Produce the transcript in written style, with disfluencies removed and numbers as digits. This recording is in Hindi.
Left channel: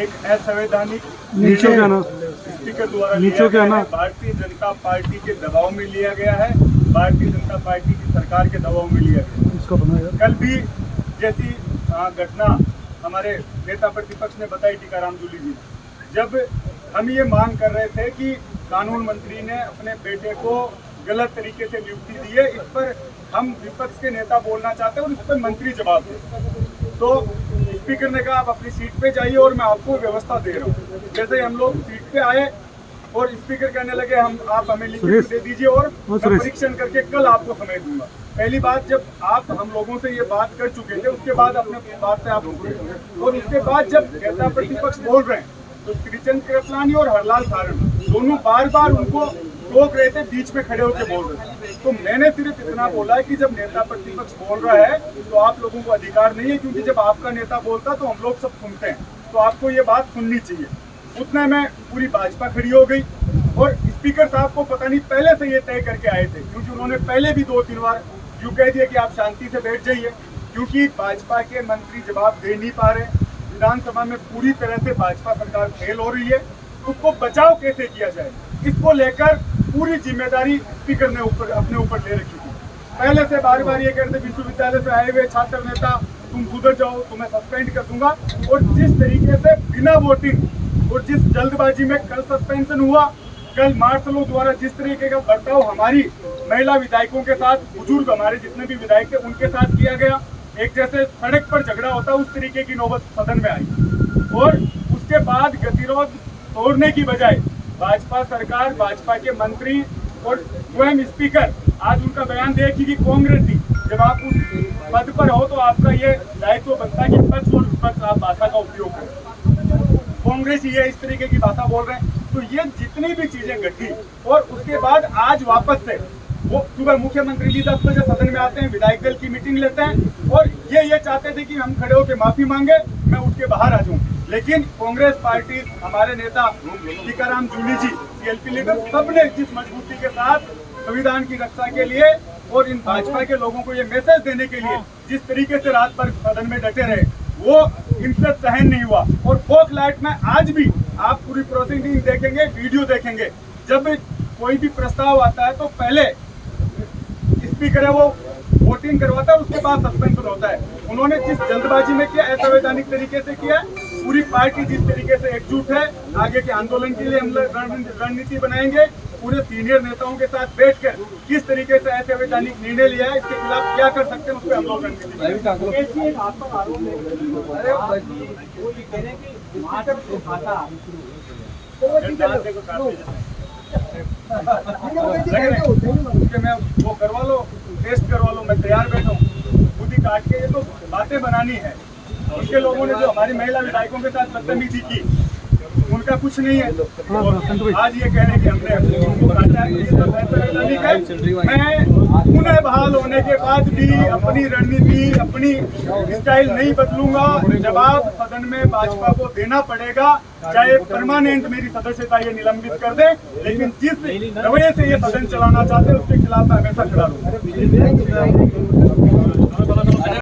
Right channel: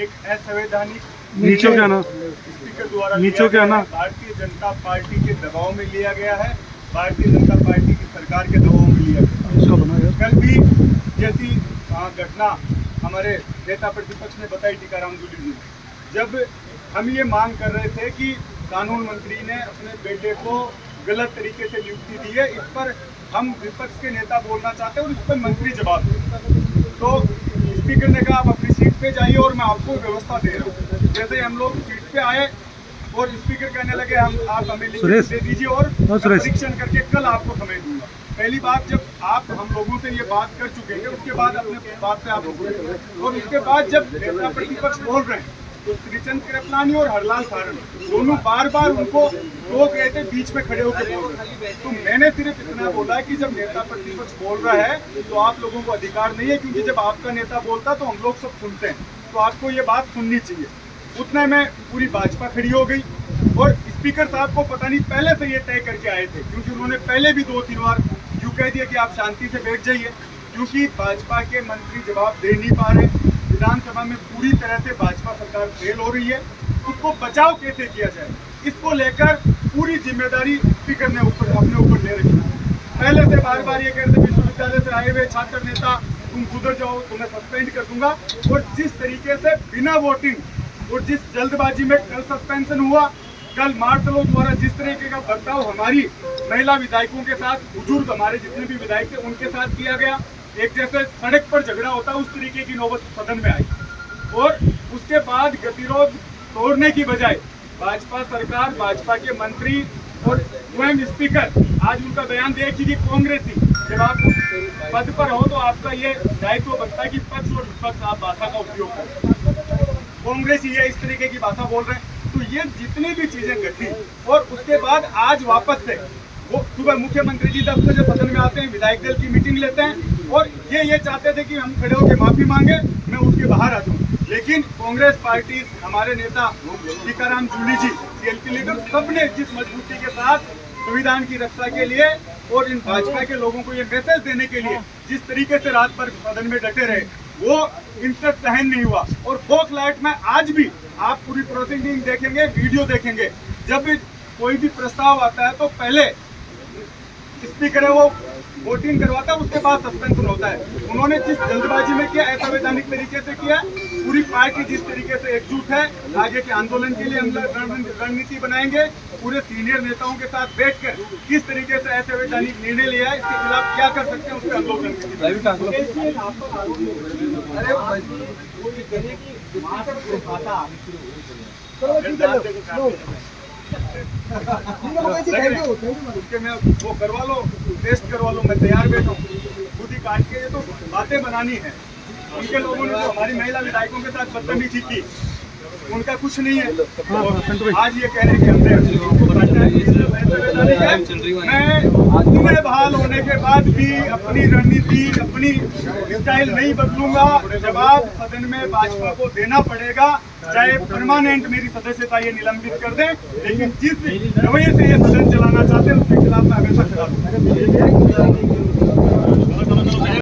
एक असंवैधानिक नीचे क्या ना स्पीकर द्वारा नीचे क्या ना भारतीय जनता पार्टी के दबाव में लिया गया है, भारतीय जनता पार्टी की सरकार के दबाव में लिया गया। इसको बनाया कल भी जैसी घटना हमारे नेता प्रतिपक्ष ने बताई टीकाराम जूली जी, जब हम ये मांग कर रहे थे कि कानून मंत्री ने अपने बेटे को गलत तरीके से नियुक्ति दी है, इस पर हम विपक्ष के नेता बोलना चाहते हैं और इस पर मंत्री जवाब दे। तो स्पीकर ने कहा आप अपनी सीट पे जाइए और मैं आपको व्यवस्था दे रहा हूँ। जैसे हम लोग सीट पे आए और स्पीकर कहने लगे आप हमें लिखित दे दीजिए और परीक्षण करके कल आपको समय दूंगा। पहली बात, जब आप हम लोगों से ये बात कर चुके थे उसके बाद अपने बात से आप रुक गए, और उसके बाद जब नेता प्रतिपक्ष बोल रहे हैं तो श्रीचंद कृपलानी और हरलाल सारण दोनों बार बार उनको रोक रहे थे, बीच में खड़े होकर बोल रहे थे। तो मैंने सिर्फ इतना बोला है कि जब नेता प्रतिपक्ष बोल रहा है तो आप लोगों को अधिकार नहीं है, क्योंकि जब आपका नेता बोलता है तो हम लोग सब सुनते हैं, तो आपको ये बात सुननी चाहिए। उतना में पूरी भाजपा खड़ी हो गई और स्पीकर साहब को पता नहीं पहले से ये तय करके आए थे, क्योंकि उन्होंने पहले भी 2-3 बार यूँ कह दिया कि आप शांति से बैठ जाइए, क्योंकि भाजपा के मंत्री जवाब दे नहीं पा रहे। विधानसभा में पूरी तरह से भाजपा सरकार फेल हो रही है, उसको बचाव कैसे किया जाए, इसको लेकर पूरी जिम्मेदारी स्पीकर ने अपने ऊपर ले रखी है। पहले से बार बार ये कहते विश्वविद्यालय से आए हुए छात्र नेता तुम सुधर जाओ, तुम्हें सस्पेंड कर दूंगा, और जिस तरीके से बिना वोटिंग और जिस जल्दबाजी में कल सस्पेंशन हुआ, कल मार्शलों द्वारा जिस तरीके का बर्ताव हमारी महिला विधायकों के साथ, बुजुर्ग हमारे जितने भी विधायक थे उनके साथ किया गया, एक जैसे सड़क पर झगड़ा होता है उस तरीके की नौबत सदन में आई, और उसके बाद गतिरोध तोड़ने की बजाय भाजपा सरकार, भाजपा के मंत्री और स्वयं स्पीकर आज उनका बयान देखिए कि कांग्रेसी, जब आप उस पद पर हो तो आपका ये दायित्व बनता है कि पक्ष और विपक्ष आप भाषा का उपयोग करें। कांग्रेसी ये इस तरीके की भाषा बोल रहे हैं, तो ये जितनी भी चीजें घटी, और उसके बाद आज वापस से वो सुबह मुख्यमंत्री जी 10 बजे सदन में आते हैं, विधायक दल की मीटिंग लेते हैं, और ये चाहते थे कि हम खड़े होकर माफी मांगे, मैं उठ के बाहर आ जाऊं। लेकिन कांग्रेस पार्टी, हमारे नेता टीकाराम जूली जी, सीएलपी लीडर, सबने जिस मजबूती के साथ संविधान की रक्षा के लिए और इन भाजपा के लोगों को ये मैसेज देने के लिए जिस तरीके से रात भर सदन में डटे रहे, वो इनसे सहन नहीं हुआ। और फोक लाइट में आज भी आप पूरी प्रोसीडिंग देखेंगे, वीडियो देखेंगे, जब कोई भी प्रस्ताव आता है तो पहले स्पीकर है वो वोटिंग करवाता है, उसके बाद सस्पेंशन होता है। उन्होंने जिस जल्दबाजी में किया, असंवैधानिक तरीके से किया, पूरी पार्टी जिस तरीके से एकजुट है, आगे के आंदोलन के लिए हम रणनीति बनाएंगे, पूरे सीनियर नेताओं के साथ बैठकर किस तरीके से असंवैधानिक निर्णय लिया है, इसके खिलाफ क्या कर सकते हैं, उस पर हम लोग रणनीति उसके मैं वो करवा लो, टेस्ट करवा लो, मैं तैयार बैठा हूँ खुद ही काट के। ये तो बातें बनानी है। उनके लोगों ने जो हमारी महिला विधायकों के साथ बदतमीजी की, उनका कुछ नहीं है। आज ये कह रहे कि हमने उनको काटा है। मैं पुनः बहाल होने के बाद भी अपनी रणनीति, अपनी स्टाइल नहीं बदलूंगा। जवाब सदन में भाजपा को देना पड़ेगा, चाहे परमानेंट मेरी सदस्यता ये निलंबित कर दे, लेकिन जिस रवैये से ये सदन चलाना चाहते हैं उसके खिलाफ मैं हमेशा खड़ा रहूंगा।